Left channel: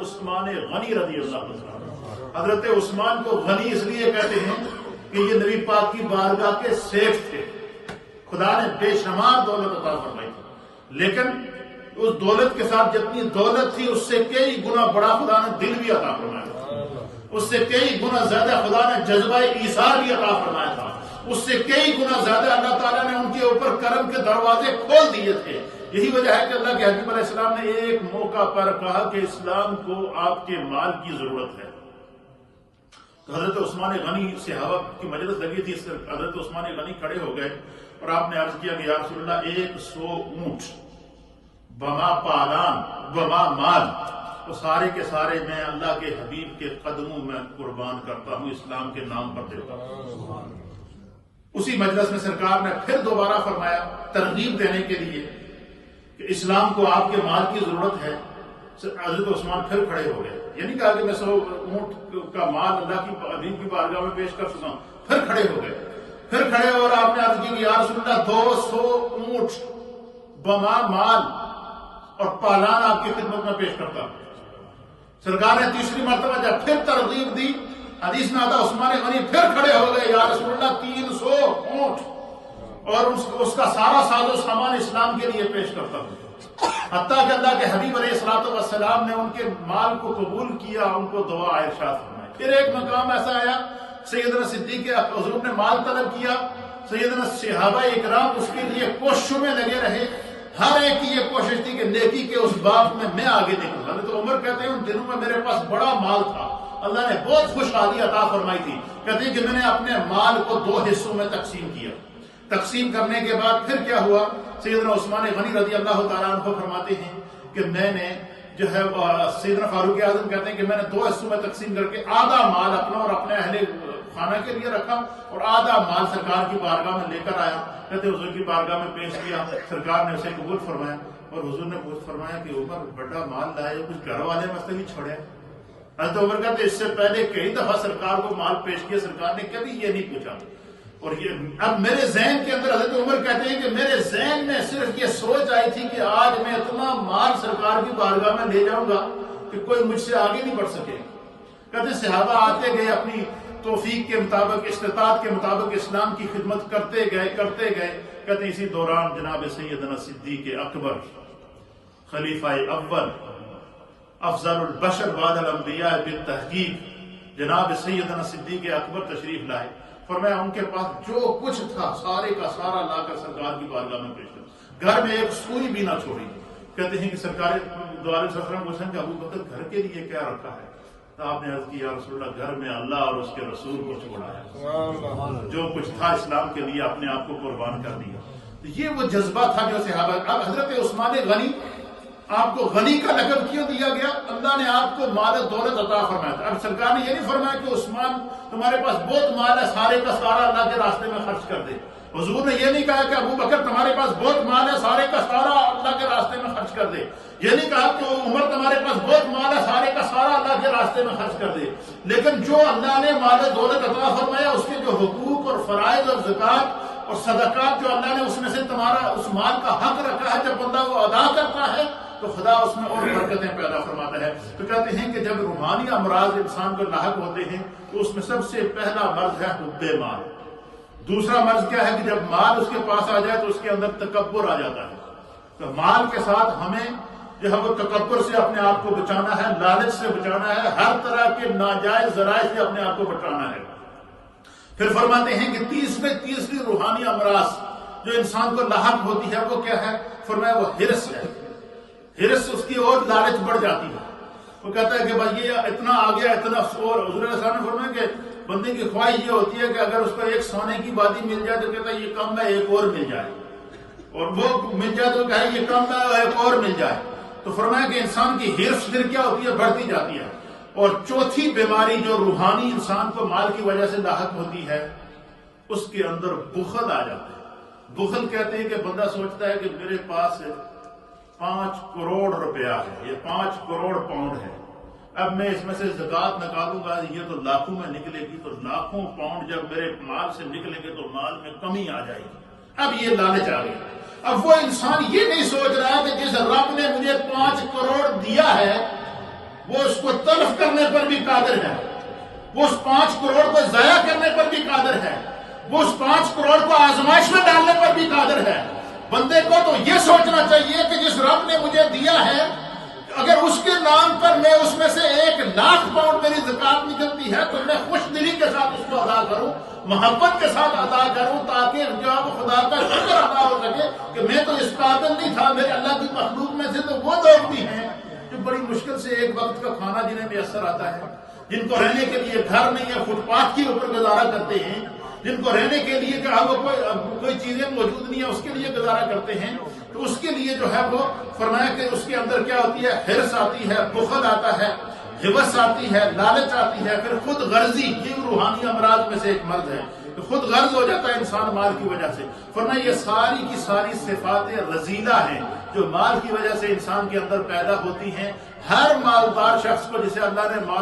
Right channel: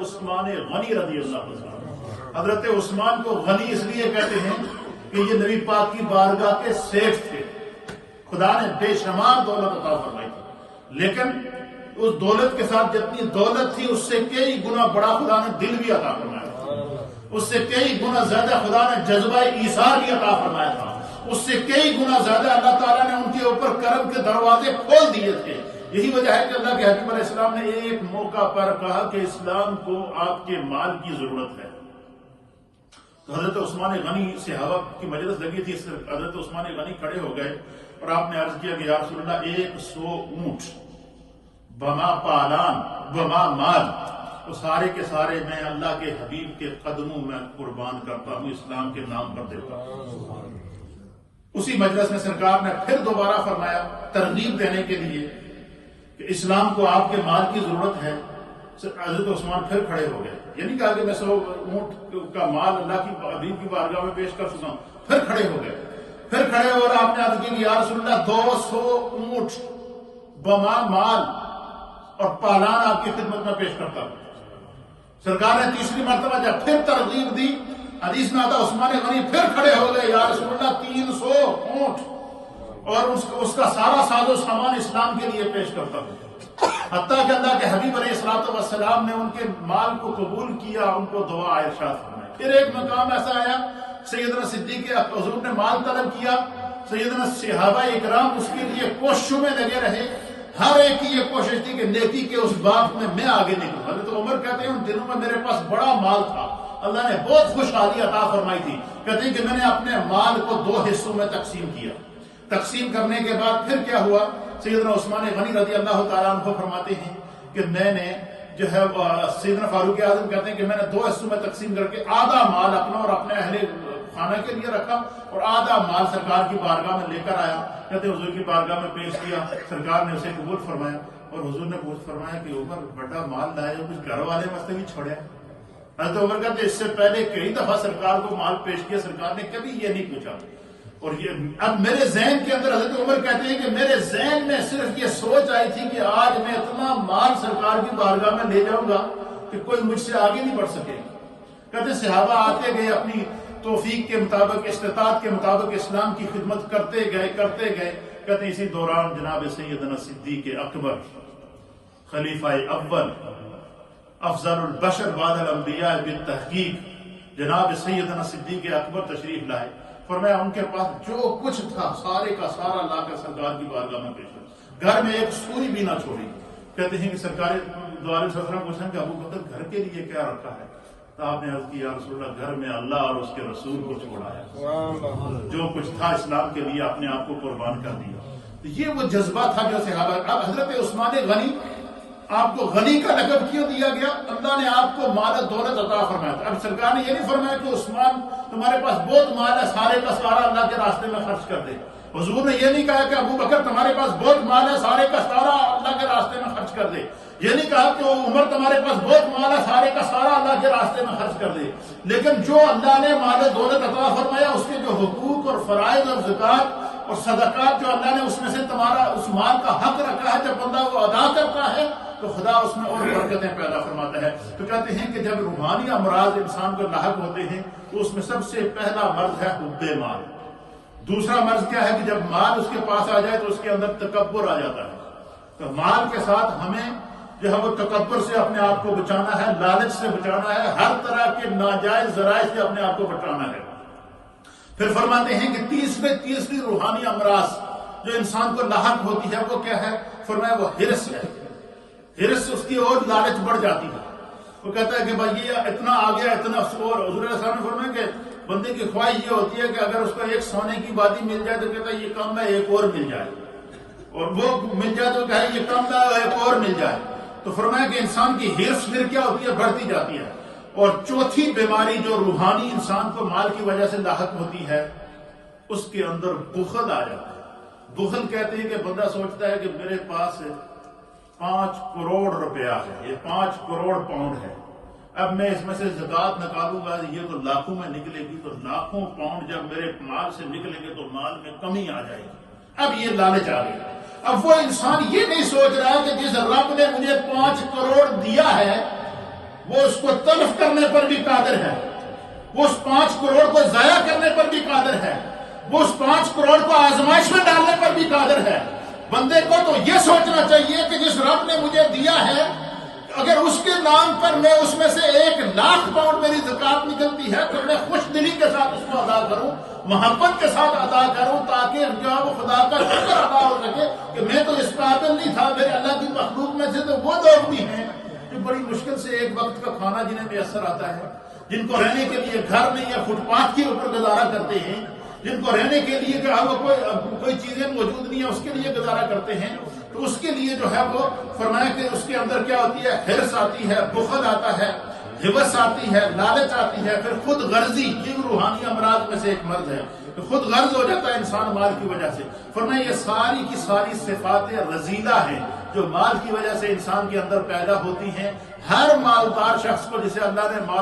عثمان غنی رضی اللہ عنہ۔ حضرت عثمان کو غنی اس لیے کہتے ہیں کہ یہ نبی پاک کی بارگاہ کے سیف تھے، خدا نے بے شمار دولت عطا فرمائی تھی، لیکن اس دولت کے ساتھ جتنی دولت تھی اس سے کئی گنا بڑا خدا نے دل بھی عطا فرمایا تھا، اس سے کئی گنا زیادہ خدا نے جذبہ ایثار بھی عطا فرمایا تھا، اس سے کئی گنا زیادہ اللہ تعالیٰ نے ان کے اوپر کرم کے دروازے کھول دیے تھے۔ یہی وجہ ہے کہ اللہ کے حبیب علیہ السلام نے ایک موقع پر کہا کہ اسلام کو آپ کے مال کی ضرورت ہے۔ تو حضرت عثمان غنی صحابہ کی مجلس لگی تھی، حضرت عثمان غنی کھڑے ہو گئے اور آپ نے عرض کیا کہ یا رسول اللہ 100 اونٹ بما پالان بما مال، تو سارے کے سارے میں اللہ کے حبیب کے قدموں میں قربان کرتا ہوں، اسلام کے نام پر دیتا ہوں۔ اسی مجلس میں سرکار نے پھر دوبارہ فرمایا ترغیب دینے کے لیے کہ اسلام کو آپ کے مال کی ضرورت ہے۔ حضرت عثمان پھر کھڑے ہو گئے، یہ نہیں کہا کہ میں 100 اونٹ کا مال اللہ کی حبیب کی بارگاہ میں پیش کر چکا ہوں، پھر کھڑے ہو گئے، پھر کھڑے اور آپ نے عرض کی کہ یا رسول اللہ 200 اونٹ بما مال اور پالان آپ کی خدمت میں پیش کرتا ہوں۔ سرکار نے تیسری مرتبہ جب پھر ترغیب دی، حدیث میں آتا عثمان غنی پھر کھڑے ہو گئے، یا رسول اللہ 300 اونٹ اور اس کا سارا ساز و سامان اسلام کے لیے پیش کرتا ہوں۔ حتیٰ کہ اللہ کے حبیب علیہ الصلوۃ والسلام نے ان کے مال کو قبول کیا، ان کو دعا ارشاد فرمائی۔ پھر ایک مقام ایسا آیا، سیدنا صدیق حضور نے مال طلب کیا، سیدنا صحابہ اکرام اس کے لیے کوششوں میں لگے رہے، ہر ایک کی یہ کوشش تھی کہ نیکی کے اس باب میں آگے نکلوں۔ حضرت عمر کہتے ہیں ان دنوں میں میرے پاس بڑا مال تھا، اللہ نے بہت خوشحالی عطا فرمائی تھی، کہتے ہیں کہ میں نے اپنے مال کو 2 حصوں میں تقسیم کیا۔ تقسیم کرنے کے بعد پھر کیا ہوا، سیدنا عثمان غنی رضی اللہ تعالیٰ عنہ فرماتے ہیں کہ میں نے جو ہے سیدنا فاروق اعظم کہتے ہیں کہ میں نے 2 حصوں میں تقسیم کر کے آدھا مال اپنا اور اپنے اہل خانہ کے لیے رکھا اور آدھا مال سرکار کی بارگاہ میں لے کر آیا، کہتے ہیں حضور کی بارگاہ میں پیش کیا، سرکار نے اسے قبول فرمایا اور حضور نے پوچھ فرمایا کہ عمر بڑا مال لائے ہو، کچھ گھر والے واسطے بھی چھوڑے۔ حضرت عمر کہتے اس سے پہلے کئی دفعہ سرکار کو مال پیش کیا، سرکار نے کبھی یہ نہیں پوچھا، اور یہ اب میرے ذہن کے اندر حضرت عمر کہتے ہیں کہ میرے ذہن میں صرف یہ سوچ آئی تھی کہ آج میں اتنا مال سرکار کی بارگاہ میں لے جاؤں گا کہ کوئی مجھ سے آگے نہیں بڑھ سکے۔ کہتے صحابہ آتے گئے، اپنی توفیق کے مطابق، استطاعت کے مطابق اسلام کی خدمت کرتے گئے۔ کہتے اسی دوران جناب سیدنا صدیق اکبر خلیفہ اول افضل البشر بعد الانبیاء بالتحقیق جناب سیدنا صدیق اکبر تشریف لائے، فرمایا ان کے پاس جو کچھ تھا سارے کا سارا لا کر سرکار کی بارگاہ میں پیش کر، گھر میں ایک سوئی بھی نہ چھوڑی۔ کہتے ہیں کہ سرکار دو علیہ وسلم پوچھیں کہ ابو بکر گھر کے لیے کیا رکھا ہے؟ تو آپ نے عرض کیا یا رسول اللہ گھر میں اللہ اور اس کے رسول کو چھوڑا ہے، جو کچھ تھا اسلام کے لیے اپنے آپ کو قربان کر دیا۔ تو یہ وہ جذبہ تھا جو صحابہ کا۔ حضرت عثمان غنی، آپ کو غنی کا لقب کیوں دیا گیا؟ اللہ نے آپ کو مال دولت عطا فرمایا تھا۔ اب سرکار نے یہ نہیں فرمایا کہ عثمان تمہارے پاس بہت مال ہے، سارے کا سارا اللہ کے راستے میں خرچ کر دے۔ حضور نے یہ نہیں کہا کہ ابو بکر تمہارے پاس بہت مال ہے، سارے کا سارا اللہ کے راستے میں خرچ کر دے۔ یہ نہیں کہا کہ عمر تمہارے پاس بہت مال ہے، سارے کا سارا اللہ کے راستے میں خرچ کر دے۔ لیکن جو اللہ نے مال دولت عطا فرمایا، اس کے جو حقوق اور فرائض اور زکوٰۃ اور صدقات جو اللہ نے اس میں سے تمہارا اس مال کا حق رکھا ہے، جب بندہ وہ ادا کرتا ہے تو خدا اس میں اور برکتیں پیدا فرماتا ہے۔ تو کہتے ہیں کہ جب روحانی امراض انسان کو لاحق ہوتے ہیں تو اس میں سب سے پہلا مرض ہے حب مال۔ دوسرا مرض کیا ہے کہ جب مال اس کے پاس آ جائے تو اس کے اندر تکبر آ جاتا ہے۔ تو مال کے ساتھ ہمیں جو ہے وہ تکبر سے اپنے آپ کو بچانا ہے، لالچ سے بچانا ہے، ہر طرح کے ناجائز ذرائع سے اپنے آپ کو بچانا ہے۔ پھر فرماتے ہیں کہ تیسری روحانی امراض جو انسان کو لاحق ہوتی ہے وہ کیا ہے؟ فرمایا وہ ہرس ہے۔ ہرس اس کی اور لالچ بڑھ جاتی ہے۔ وہ کہتا ہے کہ بھائی یہ اتنا آ گیا، اتنا اور حضور علیہ السلام نے فرمایا کہ بندے کی خواہش یہ ہوتی ہے کہ اگر اس کو ایک سونے کی وادی مل جائے تو کہتا ہے یہ کم ہے ایک اور مل جائے، اور وہ مل جائے تو کہے یہ کم ہے ایک اور مل جائے۔ تو فرمایا کہ انسان کی ہرس پھر کیا ہوتی ہے؟ بڑھتی جاتی ہے۔ اور چوتھی بیماری جو روحانی انسان کو مال کی وجہ سے لاحق ہوتی ہے، اس کے اندر بخل آ جاتا ہے۔ بخل کہتے ہیں کہ بندہ سوچتا ہے کہ میرے پاس 5 کروڑ روپیہ ہے، یہ 5 کروڑ پاؤنڈ ہے، اب میں اس میں سے زکوٰۃ نکالوں گا یہ تو لاکھوں میں نکلے گی، تو لاکھوں پاؤنڈ جب میرے مال سے نکلیں گے تو مال میں کمی آ جائے گی۔ اب یہ لالچ آ گئی۔ اب وہ انسان یہ نہیں سوچ رہا کہ جس رب نے مجھے 5 کروڑ دیا ہے وہ اس کو تلف کرنے پر بھی قادر ہے، وہ اس 5 کروڑ کو ضائع کرنے پر بھی قادر ہے، وہ اس 5 کروڑ کو آزمائش میں ڈالنے پر بھی قادر ہے۔ بندے کو تو یہ سوچنا چاہیے کہ جس رب نے مجھے دیا ہے، اگر اس کے نام پر میں اس میں سے 1,00,000 پاؤنڈ میری زکات نکلتی ہے تو میں خوش دلی کے ساتھ اس کو ادا کروں، محبت کے ساتھ ادا کروں، تاکہ جو ہے وہ خدا کا شکر ادا ہو سکے کہ میں تو اس قابل نہیں تھا، میرے اللہ کی مخلوق میں سے تو وہ لوگ بھی ہیں جو بڑی مشکل سے ایک وقت کا کھانا جنہیں میسر آتا ہے، جن کو رہنے کے لیے گھر نہیں ہے، فٹ پاتھ کے اوپر گزارا کرتے ہیں، جن کو رہنے کے لیے کوئی چیزیں موجود نہیں ہے اس کے لیے گزارا کرتے ہیں، تو اس کے لیے جو ہے وہ فرمایا کہ اس کے اندر کیا ہوتی ہے، حرص آتی ہے، بخل آتا ہے، حوث آتی ہے، لالچ آتی ہے، پھر خود غرضی، یہ روحانی امراض میں سے ایک مرض ہے کہ خود غرض ہو جاتا ہے انسان مال کی وجہ سے۔ فرمایا یہ ساری کی ساری صفات رذیلہ ہیں جو مال کی وجہ سے انسان کے اندر پیدا ہوتی ہیں۔ ہر مالدار شخص کو جسے اللہ نے مال